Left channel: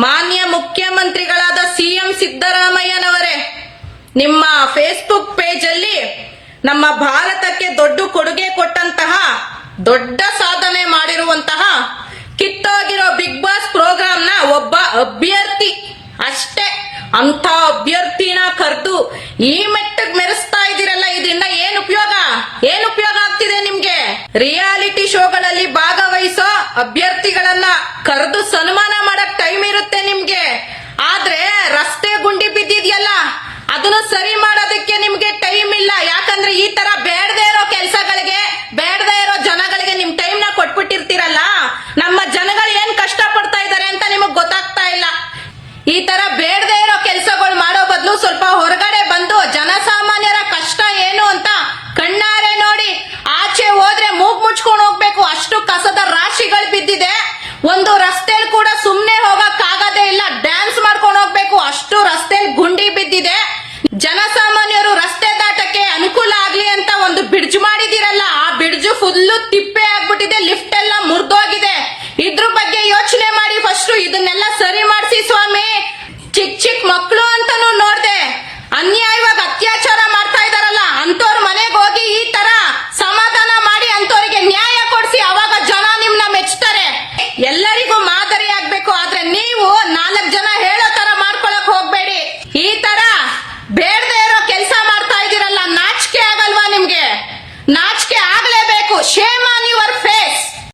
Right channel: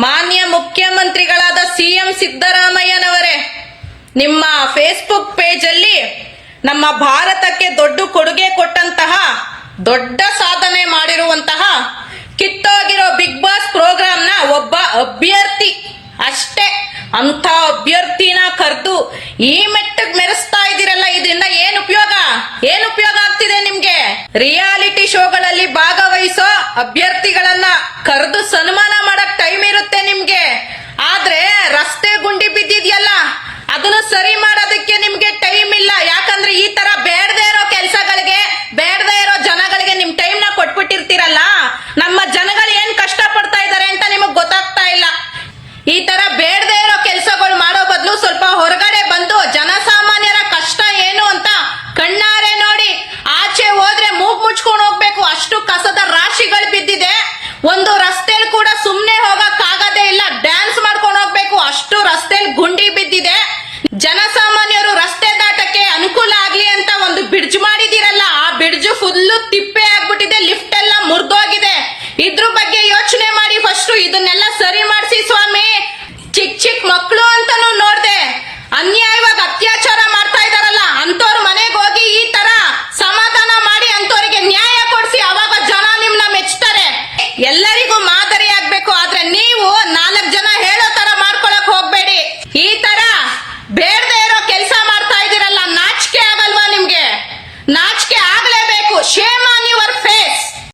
ಮಾನ್ಯ ಮುಖ್ಯಮಂತ್ರಿಗಳಾದ ಸಿಎಂ ಸಿದ್ದರಾಮಯ್ಯನವರೇ, ನಿಮ್ಮ ಫೇಸ್ಬುಕ್ ಪೇಜ್ ಅಲ್ಲಿ ನಮ್ಮ ಭಾರತಕ್ಕೆ ದೊಡ್ಡ ಕೊಡುಗೆ ಕೊಟ್ಟಂತಹ, ದೊಡ್ಡ ಸಾಧನೆ ಮಾಡಿರುವಂತಹ, ಕಿತ್ತೋಗಿರೋ ಬಿಗ್ ಬಾಸ್ ಪ್ರೋಗ್ರಾಮ್ ನ ಒಬ್ಬ ಅಭ್ಯರ್ಥಿ ಅಷ್ಟೇ, ಅಂತ ಅಭ್ಯರ್ಥಿನ ಕರೆದು ಈ ಮೆಟ್ಟಗ್ ಮೆರೆಸ್ತಾ ಇದ್ದೀರಲ್ಲ, ಇದರಿಂದ ಏನ್ ಉಪಯೋಗ ಆಗ್ತಿದೆ ನಿಮ್ಗೆ? ರಿಯಾಲಿಟಿ ಶೋಗಳಲ್ಲಿ ಭಾಗವಹಿಸೋ ಅಭ್ಯರ್ಥಿಗಳನ್ನ ಕರೆದು ಸನ್ಮಾನ ಮಾಡಕ್ ಟೈಮ್ ಇರುತ್ತೆ ನಿಮ್ಗೆ, ಆದ್ರೆ ರಸ್ತೆ ಗುಂಡಿ ಬಿದ್ದಿದ್ಯಲ್ಲ ಅದನ್ನ ಸರಿ ಮಾಡೋದಕ್ಕೆ ನಿಮ್ಗೆ ಟೈಮ್ ಇಲ್ಲ. ಯಾಕಂದ್ರೆ ಈ ತರ ಬೇಡದೇ ಇರೋ ಕೆಲಸಗಳಿಗೆ, ಬೇಡದೇ ಇರೋ ಜನಗಳಿಗೆ ನಿಮ್ ಟೈಮ್ ನ ಕೊಟ್ಬಿಟ್ಟಿರ್ತೀರಲ್ಲ, ನಮ್ಮ ಜನಗಳು ಏನ್ ಕಷ್ಟ ಪಡ್ತಾ ಇದಾರೆ ಅಂತ ನಿಮಗ್ ಗೊತ್ತಾಗ್ತಾ ಇಲ್ಲ. ಈ ತರ ಬೇಡದೇ ಇರೋ ಕೆಲಸಗಳು ಮಾಡೋ ಬದಲು ಸ್ವಲ್ಪ ಹೊರಗಡೆ ಬಂದು ಜನಸಾಮಾನ್ಯರ ಕಷ್ಟ ಏನು ಅಂತ ಕಣ್ಣಾರೆ ನೋಡಿ, ಆಚೆ ಹೋದ್ರೆ ಮೂಗ್ ಮುಚ್ಕೊಂಡು ಹೋಗ್ಬೇಕು, ಅಷ್ಟು ಕಸದ ರಾಶಿಗಳು ಬಿದ್ದಿದೆ. ಒಂದು ರಸ್ತೆಲ್ ಕೂಡ ಸುಮ್ನೆ ಹೋಗಕ್ ಆಗದೇ ಇಲ್ಲ, ಡ್ಯಾನ್ಸ್ ಮಾಡ್ಕೊಂಡು ಹೋಗ್ಬೇಕು, ಅಷ್ಟು ರಸ್ತೆಲ್ ಗುಂಡಿ ಬಿದ್ದಿದೆ. ಜನಸಾಮಾನ್ಯರು ರಸ್ತೆ ದಾಟಕ್ಕೆ ಅನುಕೂಲ ಆಗ್ಲಿ ಅಂತ ಒಂದು ಬ್ರಿಡ್ಜ್ ಮಾಡಿದಿರಲ್ಲ, ಆ ಬ್ರಿಡ್ಜ್ ಫುಲ್ಲು ತಿಪ್ಪೆ ಆಗ್ಬಿಟ್ಟಿದೆ, ಲಿಫ್ಟ್ ಎಲ್ಲ ಮುರಿದೋಗಿದೆ. ಇದ್ರ ಬಗ್ಗೆ ಯೋಚನೆ ಮಾಡಿ ಫಸ್ಟ್, ಇದನ್ನೆಲ್ಲ